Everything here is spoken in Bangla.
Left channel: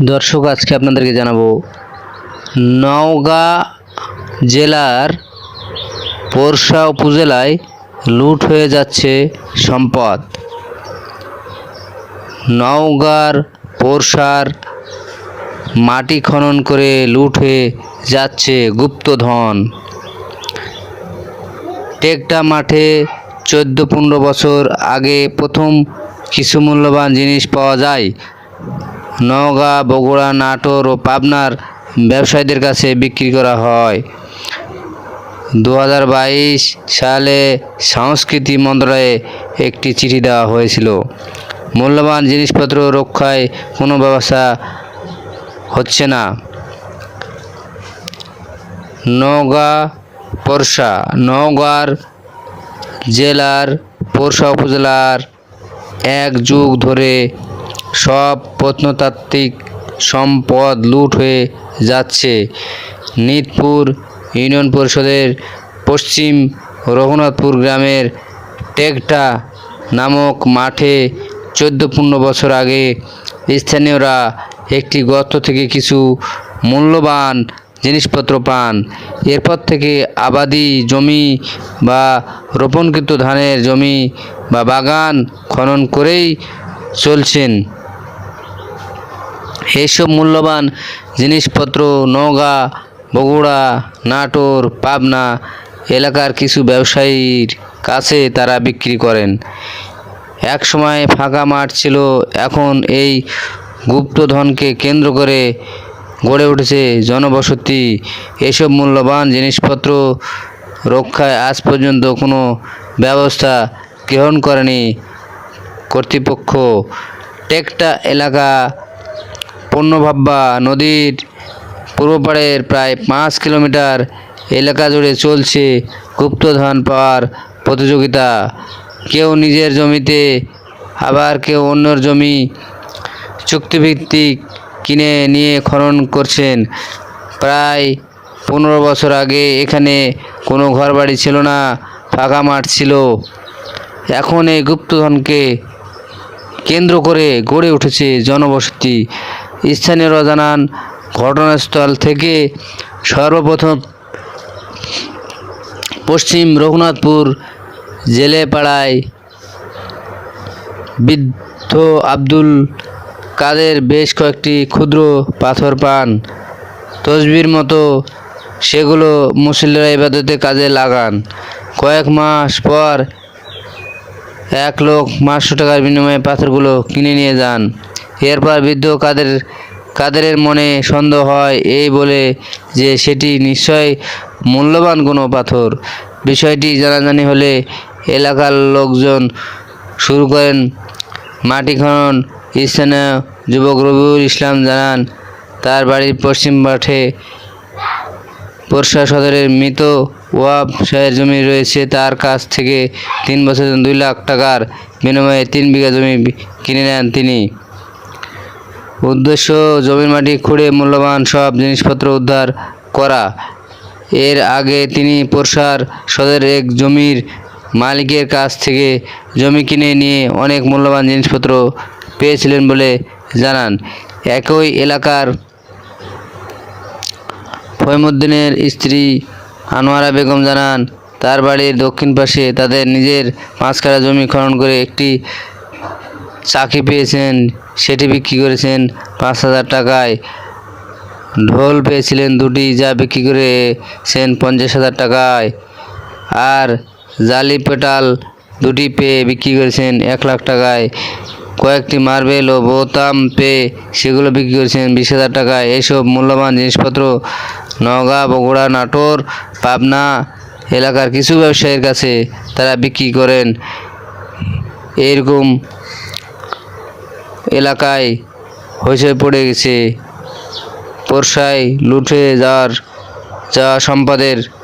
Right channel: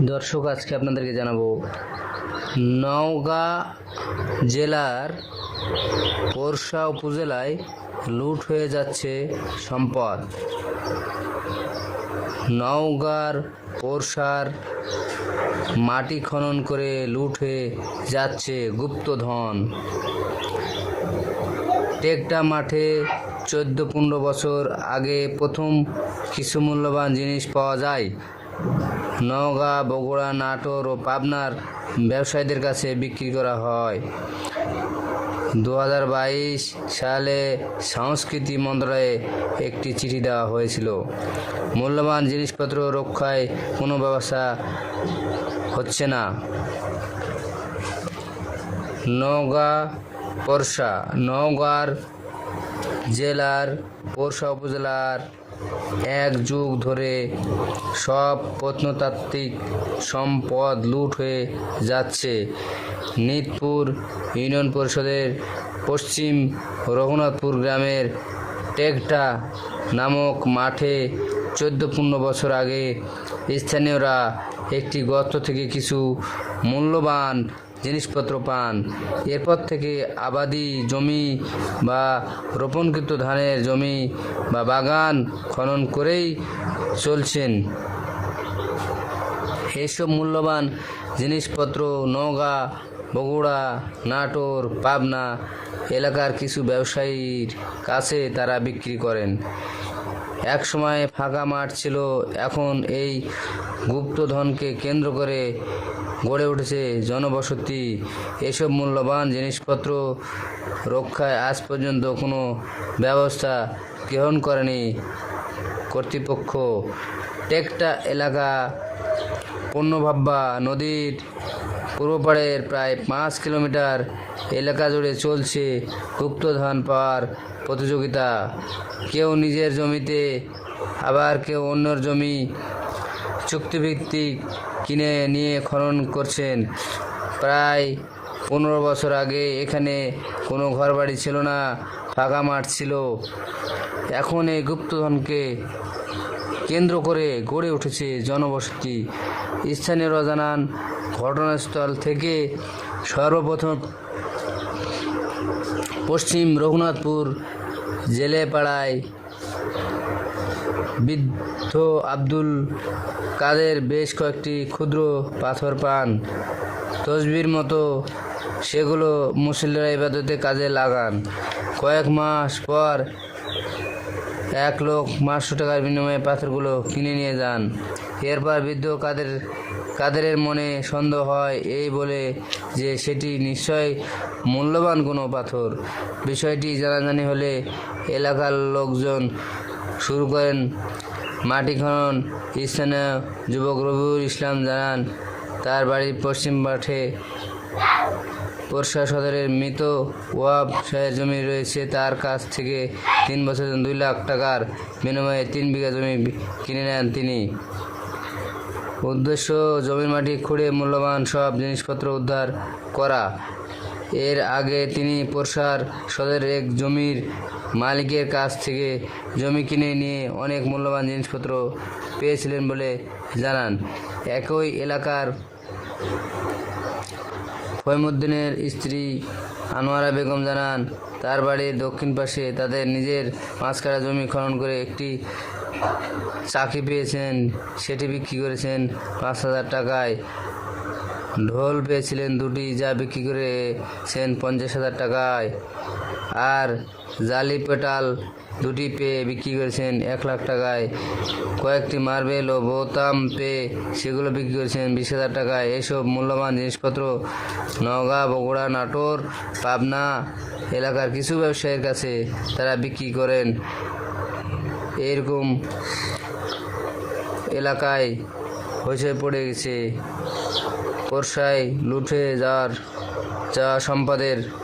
দর্শক, আজকে আপনাদেরকে জানাব নওগাঁ জেলার পোরশা উপজেলায় লুট হয়ে যাচ্ছে সম্পদ। নওগাঁর পোরশার মাটি খনন করে লুট হয়ে যাচ্ছে গুপ্তধন। টেকটা মাঠে চোদ্দ পনেরো বছর আগে প্রথম কিছু মূল্যবান জিনিস পাওয়া যায়। নওগাঁ, বগুড়া, নাটোর ও পাবনার ব্যবসায়ীদের কাছে বিক্রি করা হয়। দু হাজার বাইশ সালে সংস্কৃতি মন্ত্রণালয়ে একটি চিঠি দেওয়া হয়েছিল। মূল্যবান জিনিসপত্র রক্ষায় কোনো ব্যবস্থা হচ্ছে না। নওগাঁ পরশা নওগাঁর জেলার পরশা উপজেলার এক যুগ ধরে সব প্রত্নতাত্ত্বিক সম্পদ লুট হয়ে যাচ্ছে। নিতপুর ইউনিয়ন পরিষদের পশ্চিম রঘুনাথপুর গ্রামের টেকটা নামক মাঠে চোদ্দ পনেরো বছর আগে স্থানীয়রা একটি গর্ত থেকে কিছু মূল্যবান জিনিসপত্র পান। এরপর থেকে আবাদি জমি বা রোপণকৃত ধানের জমি বা বাগান খনন করেই চলছেন। এইসব মূল্যবান জিনিসপত্র, নওগাঁ, বগুড়া, নাটোর, পাবনা এলাকার কিছু ব্যবসায়ীর কাছে তারা বিক্রি করেন। এক সময় ফাঁকা মাঠ ছিল, এখন এই গুপ্তধনকে কেন্দ্র করে গড়ে উঠেছে জনবসতি। এসব মূল্যবান জিনিসপত্র রক্ষায় আজ পর্যন্ত কোনো ব্যবস্থা গ্রহণ করেনি কর্তৃপক্ষ। টেকটা এলাকা পণ্যভাব্বা নদীর পূর্বপাড়ের প্রায় পাঁচ কিলোমিটার এলাকা জুড়ে চলছে গুপ্তধন পাওয়ার প্রতিযোগিতা। কেউ নিজের জমিতে, আবার কেউ অন্যর জমি চুক্তিভিত্তিক কিনে নিয়ে খনন করছেন। প্রায় পনেরো বছর আগে এখানে কোনো ঘরবাড়ি ছিল না, ফাঁকা মাঠ ছিল। এখন এই গুপ্তধনকে কেন্দ্র করে গড়ে উঠেছে জনবসতি। স্থানীয়রা জানান, ঘটনাস্থল থেকে সর্বপ্রথম পশ্চিম রঘুনাথপুর জেলেপাড়ায় বৃদ্ধ আব্দুল কাদের বেশ কয়েকটি ক্ষুদ্র পাথর পান। তসবির মতো সেগুলো মুসল্লিরা ইবাদতে কাজে লাগান। কয়েক মাস পর এক লোক পাঁচশো টাকার বিনিময়ে পাথরগুলো কিনে নিয়ে যান। এরপর বৃদ্ধ কাদের, কাদেরের মনে সন্দেহ হয়, এই বলে যে সেটি নিশ্চয় মূল্যবান কোনো পাথর। বিষয়টি জানাজানি হলে এলাকার লোকজন শুরু করেন মাটি খনন। স্থানীয় যুবক রবিউল ইসলাম জানান, তার বাড়ির পশ্চিম মাঠে পরশা সদরের মৃত ওয়াব শাহের জমি রয়েছে। তার কাছ থেকে তিন বছর দুই লাখ টাকার বিনিময়ে তিন বিঘা জমি কিনে নেন তিনি। উদ্দেশ্য জমির মাটি খুঁড়ে মূল্যবান সব জিনিসপত্র উদ্ধার করা। এর আগে তিনি পরশার সদরের এক জমির মালিকের কাছ থেকে জমি কিনে নিয়ে অনেক মূল্যবান জিনিসপত্র পেয়েছিলেন বলে জানান। একই এলাকার ফহিমুদ্দিনের স্ত্রী আনোয়ারা বেগম জানান, তার বাড়ির দক্ষিণ পাশে তাদের নিজের কাঠা জমি খনন করে একটি চাকি পেয়েছেন, সেটি বিক্রি করেছেন পাঁচ হাজার টাকায়। ঢোল পেয়েছিলেন দুটি, যা বিক্রি করেছেন পঞ্চাশ হাজার টাকায়। আর জালি পেটাল দুটি পেয়ে বিক্রি করেছেন এক লাখ টাকায়। কয়েকটি মার্বেল ও বোতাম পেয়ে সেগুলো বিক্রি করেছেন বিশ হাজার টাকায়। এইসব মূল্যবান জিনিসপত্র নওগাঁ, বগুড়া, নাটোর, পাবনা এলাকার কিছু ব্যবসায়ীর কাছে তারা বিক্রি করেন। এরকম এলাকায় হয়েছে পড়ে গেছে। বর্ষায় লুঠে যার যা সম্পদের